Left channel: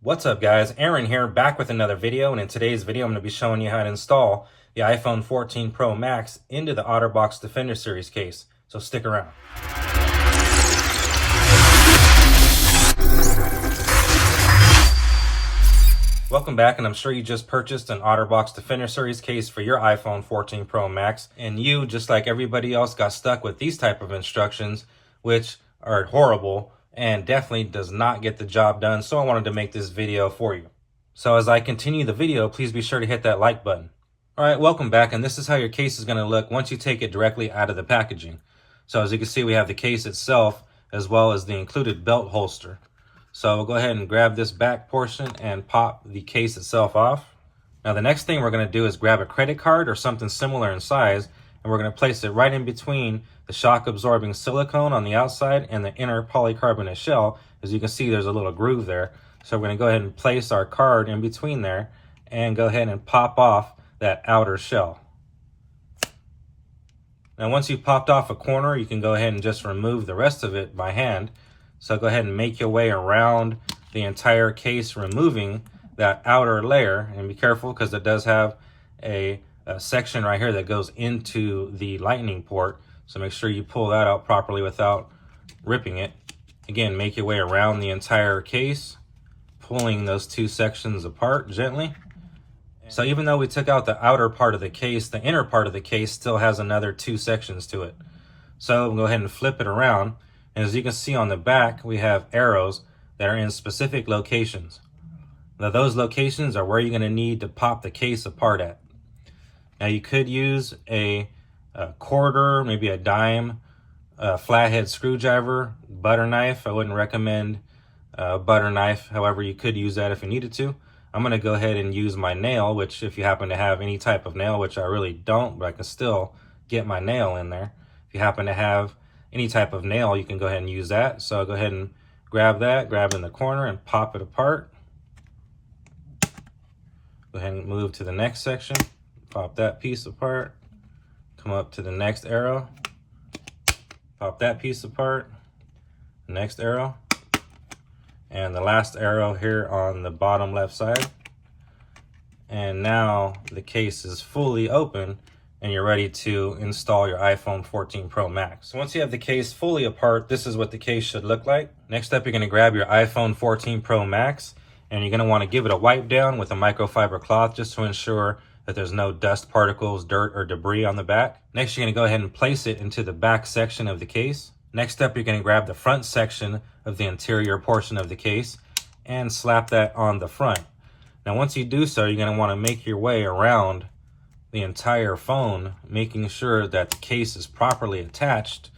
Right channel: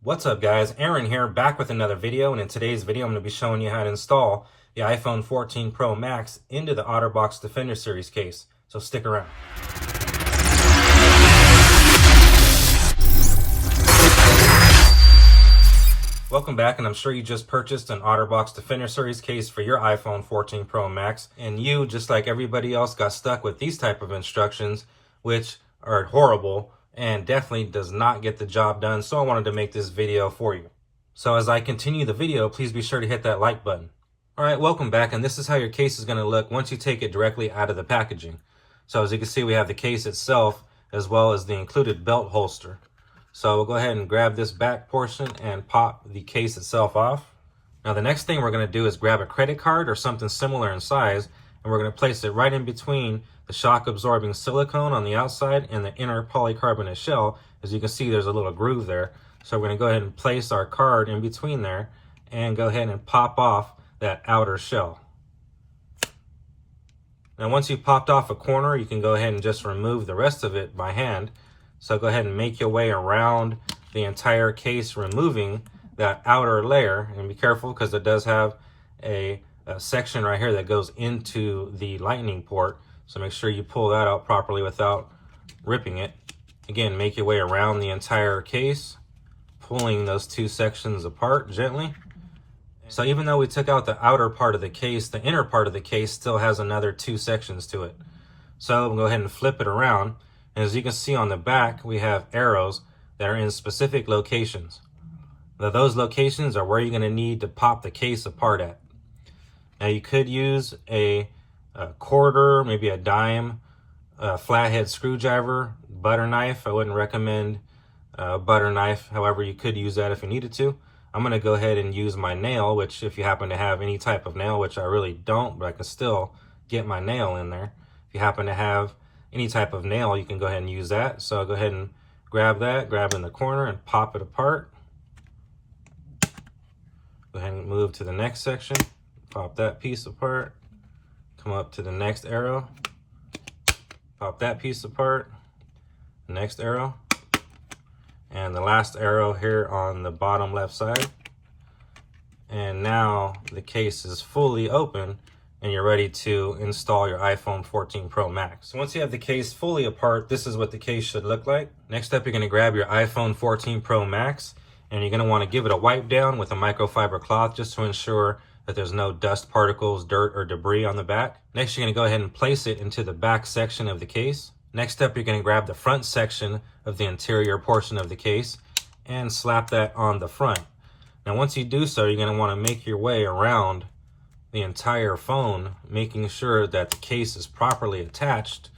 What's up guys, Aaron here, back with another video, and in today's video I'm going to be showing you how to install the iPhone 14 Pro Max into the OtterBox Defender Series case, so stick around. Welcome back, and I'm sure you just purchased an OtterBox Defender Series case for your iPhone 14 Pro Max, and you, just like everybody else, got stuck with these type of instructions, which are horrible and definitely does not get the job done. So I wanted to make this video for you. So as I continue the video, please be sure to hit that like button. All right, welcome back, and this is how your case is going to look once you take it directly out of the packaging. So as you can see, we have the case itself as well as the included belt holster. So we'll go ahead and grab this back portion and pop the case itself off. Now the next thing we're going to do is grab a credit card or something similar in size, and we're going to place it right in between the shock absorbing silicone on the outside and the inner polycarbonate shell. As you can see, there's a little groove there. So we're going to go ahead and place our card in between there and go ahead and pop off that outer shell. Now once you've popped off a corner, you can go ahead and just remove the rest of it by hand. So go ahead and make your way around the entire case, removing that outer layer, and be careful because it does have a section right here that goes into the lightning port. So make sure you pull that out properly without ripping it. Again, make your way around the entire case, pulling those two sections apart gently. So even though we took out the outer part of the case, the inner part of the case still has another two sections to it. So we'll go ahead and flip it around. And as you can see on the back, we have arrows that are in specific locations. Now those locations are where you're going to need to pop the case apart at. Now you could use a quarter, maybe a dime, flathead screwdriver, butter knife. I wouldn't recommend a butter knife. However, you could use that if you needed to. I'm going to go ahead and use my nail, which if you happen to have any type of nail, which I really don't, but I can still get my nail in there. If you happen to have any type of nail, you can go ahead and use that. So I'll go ahead and grab that, grab in the corner and pop it apart. Go ahead and move to the next section, pop that piece apart. Come up to the next arrow, pop that piece apart, next arrow, and the last arrow here on the bottom left side. And now the case is fully open and you're ready to install your iPhone 14 Pro Max. So once you have the case fully apart, this is what the case should look like. Next up, you're going to grab your iPhone 14 Pro Max and you're going to want to give it a wipe down with a microfiber cloth just to ensure that there's no dust particles, dirt, or debris on the back. Next, you're going to go ahead and place it into the back section of the case. Next up, you're going to grab the front section of the interior portion of the case and slap that on the front. Now, once you do so, you're going to want to make your way around the entire phone, making sure that the case is properly attached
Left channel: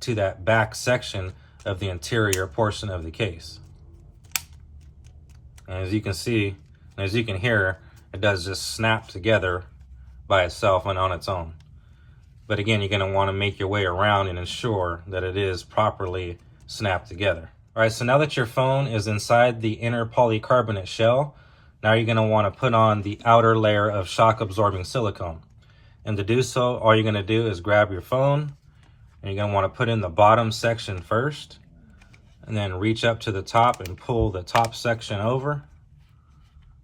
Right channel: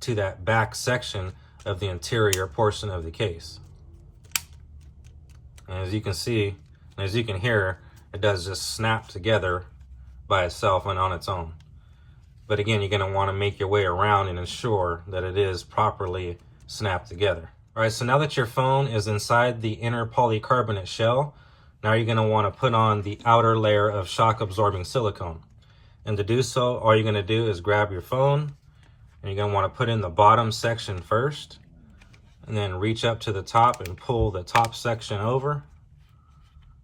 to that back section of the interior portion of the case. And as you can see, and as you can hear, it does just snap together by itself and on its own. But again, you're going to want to make your way around and ensure that it is properly snapped together. All right, so now that your phone is inside the inner polycarbonate shell, now you're going to want to put on the outer layer of shock absorbing silicone. And to do so, all you're going to do is grab your phone and you're going to want to put in the bottom section first, and then reach up to the top and pull the top section over.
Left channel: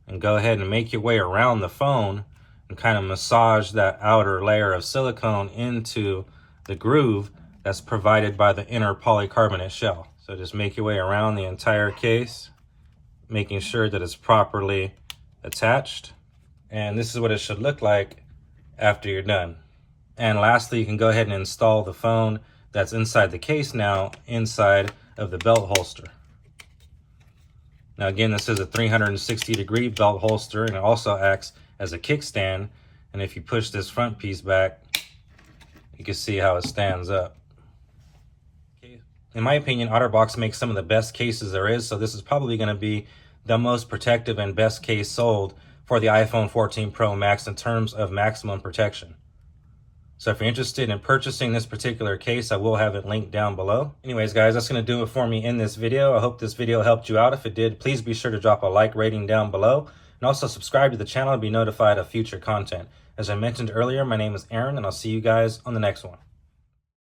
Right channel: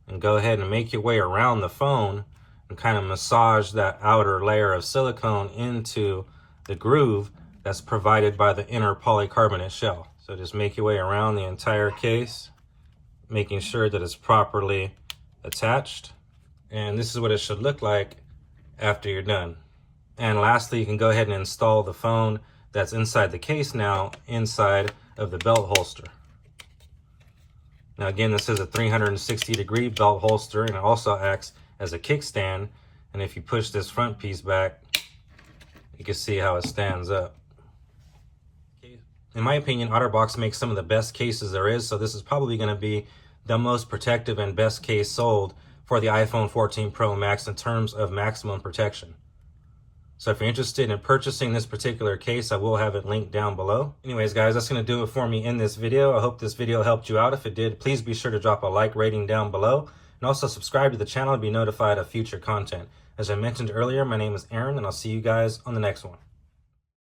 And go ahead and make your way around the phone and kind of massage that outer layer of silicone into the groove that's provided by the inner polycarbonate shell. So just make your way around the entire case, making sure that it's properly attached. And this is what it should look like after you're done. And lastly, you can go ahead and install the phone that's inside the case now inside of the belt holster. Now again, this is a 360-degree belt holster, and it also acts as a kickstand. And if you push this front piece back, you can see how it stands up. In my opinion, OtterBox makes some of the best cases there is, so this is probably going to be the most protective and best case sold for the iPhone 14 Pro Max in terms of maximum protection. So if you're interested in purchasing this particular case, I will have it linked down below. Anyways, guys, that's going to do it for me in this video. I hope this video helped you out. If it did, please be sure to drop a like rating down below. And also subscribe to the channel to be notified of future content. As I mentioned earlier, my name is Aaron, and I'll see you guys on the next one.